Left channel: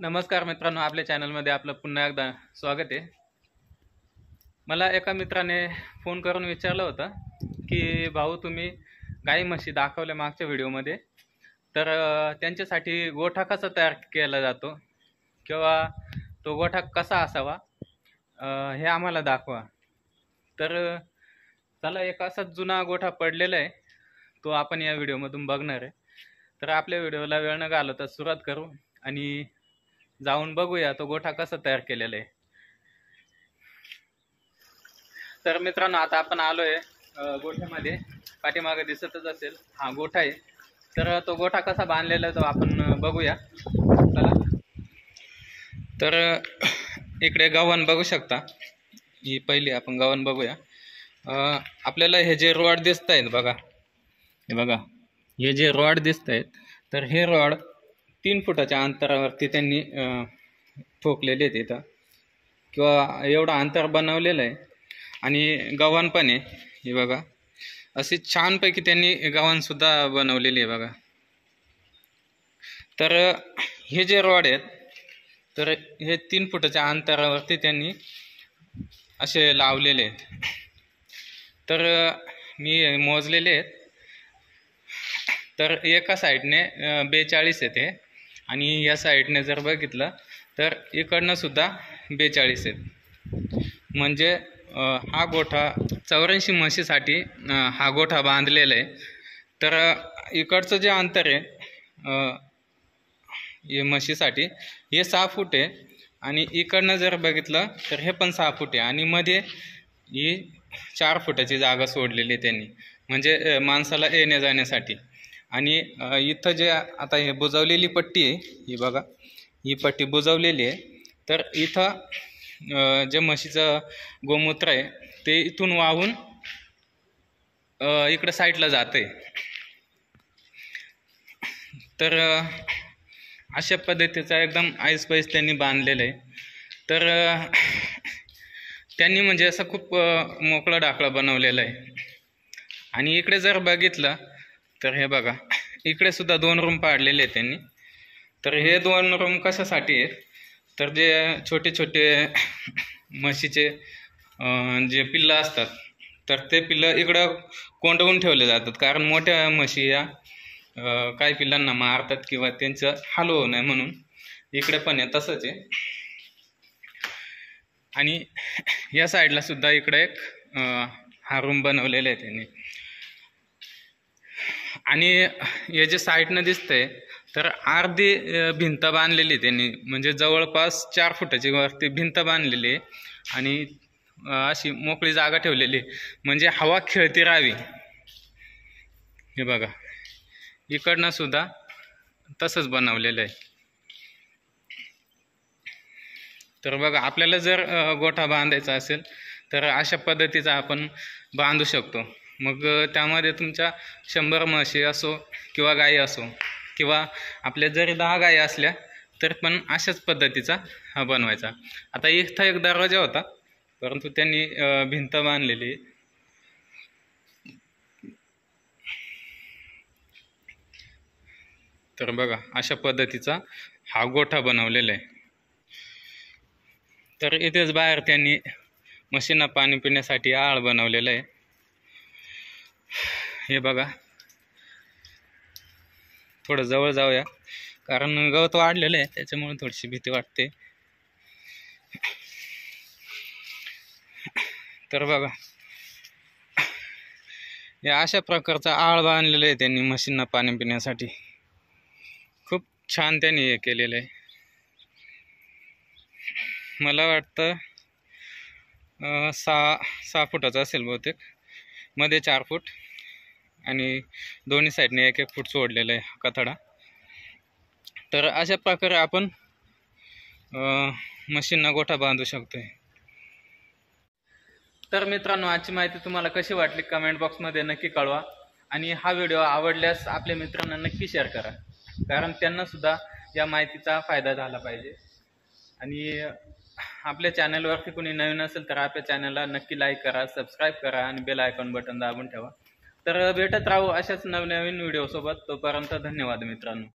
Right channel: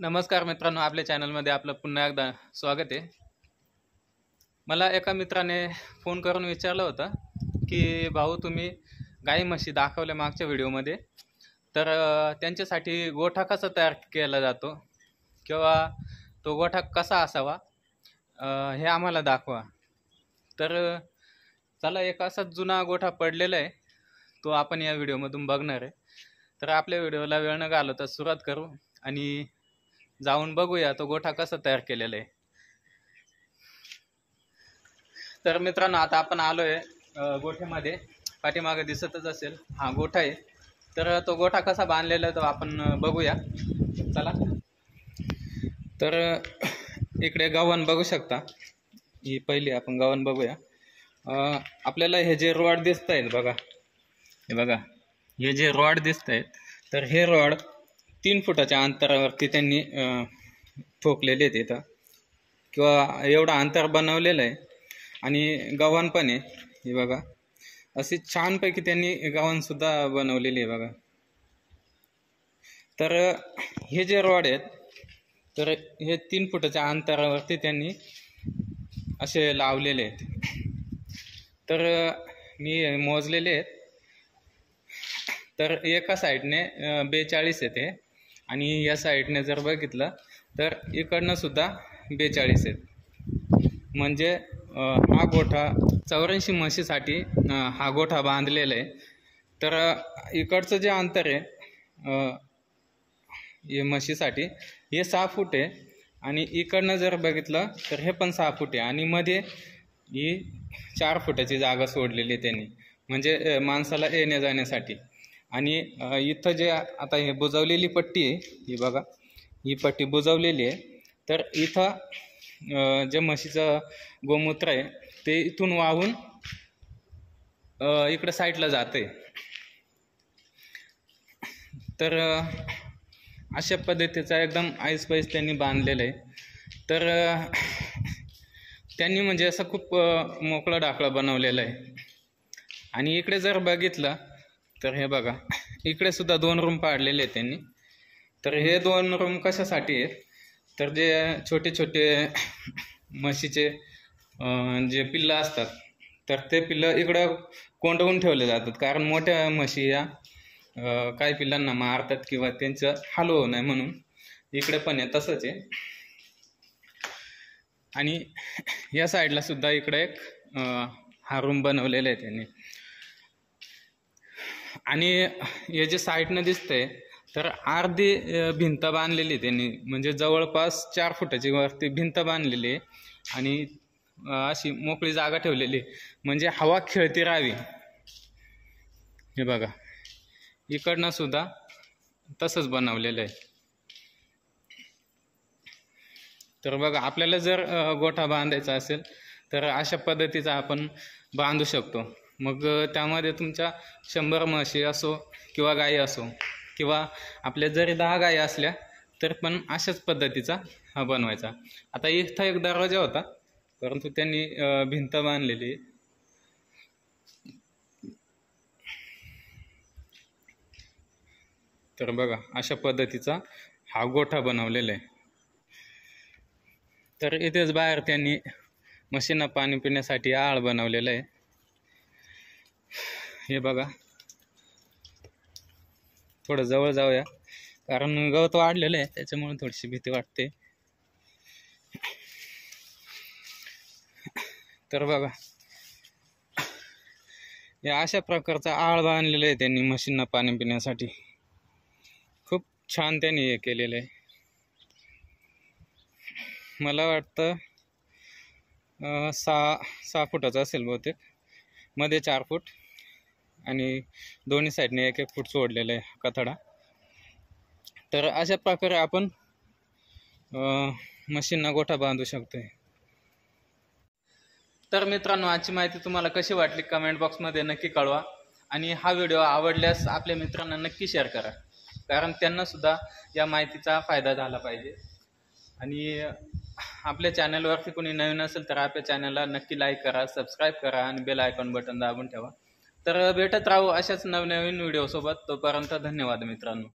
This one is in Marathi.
नमस्कार मित्रांनो, आपल्या चॅनलमध्ये आपलं पुन्हा एकदा स्वागत आहे। मला एका मित्राने फोन करून विचारलं होतं की भाऊ तुम्ही गाई म्हशी दाखवल्या मागच्या व्हिडिओमध्ये, तर त्यांच्यासाठी गोठा कसा तयार केला जातो किंवा तो गोठा कसा असावा हे आम्हाला दाखवा। तर चला, एक असा जुना गोठा पडलेला आहे, तो आपण या व्हिडिओमधून बघणार आहे। तर आपल्या व्हिडिओला वेळ न घालवता सुरुवात करू आणि जाऊन बघूया तो गोठा कसा तयार केलेला आहे। तर मित्रांनो, आता आपण आलोय गोठ्यामध्ये। पाठीमागे दिसतच असेल हा गोठा आहे। तर तो गोठा कसा बांधलेला आहे तो आपण बघूया, चला। तर इकडे गव्हाण बघू शकता, ही पहिली आपण गव्हाण बघूया। आपल्याला हे जे रॉड दिसत आहेत बघा, हे बघा, हे जे रॉड दिसत आहेत, तर हे रॉड 3 फुटाच्या अंतरावरती त्यांनी ठोकलेले आहेत इथं, किंवा एवढा अंतर बनवलेलं आहे। आणि गव्हाण पण आहे, हे बघा, अशी छानपैकी त्यांनी गव्हाण सुद्धा बनवलेली आहे बघा। तर हे जे रॉड आहेत, तर हे 3 फुटाच्या अंतरावरती त्यांनी असे लावलेले आहेत। तर मी मोजलेले आहेत, तर एका साईडने 42 येते आणि या साईडने जर बघितलं तर इकडनं सुद्धा 42 आहेत। म्हणजे हा गोठा 84 म्हशीसाठी हा गोठा बांधलेला आहे। तर इकडचं जे अंतर आहे हे म्हशीसाठी हे 6 फूट आहे, आणि इकडनं जर बघितलं तर हे पण 6 फूट आहे, आणि मध्ये ही 4 फुटाची जागा सोडलेली आहे त्यांनी, म्हणजे माणसाला येण्या जाण्यासाठी। आणि इथं जे आता हे बुजवलेली पट्टी आहे, ही बघा, ही पट्टी बुजवलेली आहे। तर इथं जे म्हशीचं गोमूत्र आहे ते इथून वाहून इकडे साईडला जाते। तर अशा पद्धतीचा एकदम ऐसपैस त्यांनी बांधलेलं आहे। तर त्यांनी म्हणजे असं खूप मोकळं डाकळं बनवलेलं आहे। आणि इकडे जर बघितलं तर हे बघा, इकडे सुद्धा 2 रूम पाडलेले आहेत त्यांनी। तर हे 2 रूम कशासाठी आहेत, तर जे छोटे छोटे म्हशीचे जे पिल्लं असतात, तर ते पिल्लं इकडं कोंडवून ठेवले जातात, कारण मोठ्या म्हशी या काही पिल्लांना मारतात किंवा त्यांचं हाल होऊ नये म्हणून। इकडे पण आहे तसंच आहे। आणि या साईडला सुद्धा इकडे एक हा रूम बनवलेला आहे त्यांनी। आणि हे जे साईडनं दिसतंय, तर अर्धी भिंत बांधलेली त्यांनी, म्हणजे जवळपास 4 फुटाची वरती भिंत बांधलेली आहे, आणि अशी मोकळी जागा ठेवलेली, म्हणजे हवा खेळती राहावी। हे बघा, इकडनं सुद्धा तसंच बनवलेलं आहे। तर बघा, आपल्याला जर गोठा बांधायचा असेल तर अशा पद्धतीचा आपण बांधू शकतो। मग त्यामध्ये तुमच्या 100 म्हशी असो किंवा गाई असो, किंवा आपल्या जरी 10 गाई असल्या तर पण अशाच पद्धतीचा हा बनवायचा। आता इथं एक दरवाजा होता, परंतु त्यांनी भिंत बांधलेली। तर बघा, अशा पद्धतीचा हा गोठा बनवलेला आहे। तर इथेच बाहेर त्यांनी म्हशींना पाणी पिण्यासाठी आळ बनवलेलं आहे। हे बघा, थोडं जवळ जाऊया, कारण गवत वाढलेलं आहे त्याच्यामुळे थोडीशी भीती वाटते। तर बघा, या अशा प्रकारचा आळ बांधलेला आहे त्यांनी म्हशींना पाणी पिण्यासाठी। खूप छान त्यांनी हे केलेलं आहे। मला वाटतं 6 फुटाचं असेल बहुतेक, मध्ये 4 फूट, आणि दोन्ही साईडने 1-1 फूट सोडलेलं आहे कथडा। तर अशा प्रकारे आपण म्हशींना गोठा बांधू शकतोय। तर मित्रांनो, आजची माहिती तुम्हाला कशी वाटली कमेंट बॉक्समध्ये नक्की कळवा, आणि हा व्हिडिओ आवडल्यास आपल्या मित्रांना नक्की शेअर करा, कारण त्यांना सुद्धा या माहितीचा फायदा झाला पाहिजे। आणि आपल्या चॅनलवरती कोणी नवीन असेल तर आपल्या चॅनलला नक्की लाईक करा, सबस्क्राईब करा, आणि बेल आयकॉन बटन दाबून ठेवा। तर भेटत राहू अशाच नवनवीन व्हिडिओसोबत। तोपर्यंत धन्यवाद मित्रांनो।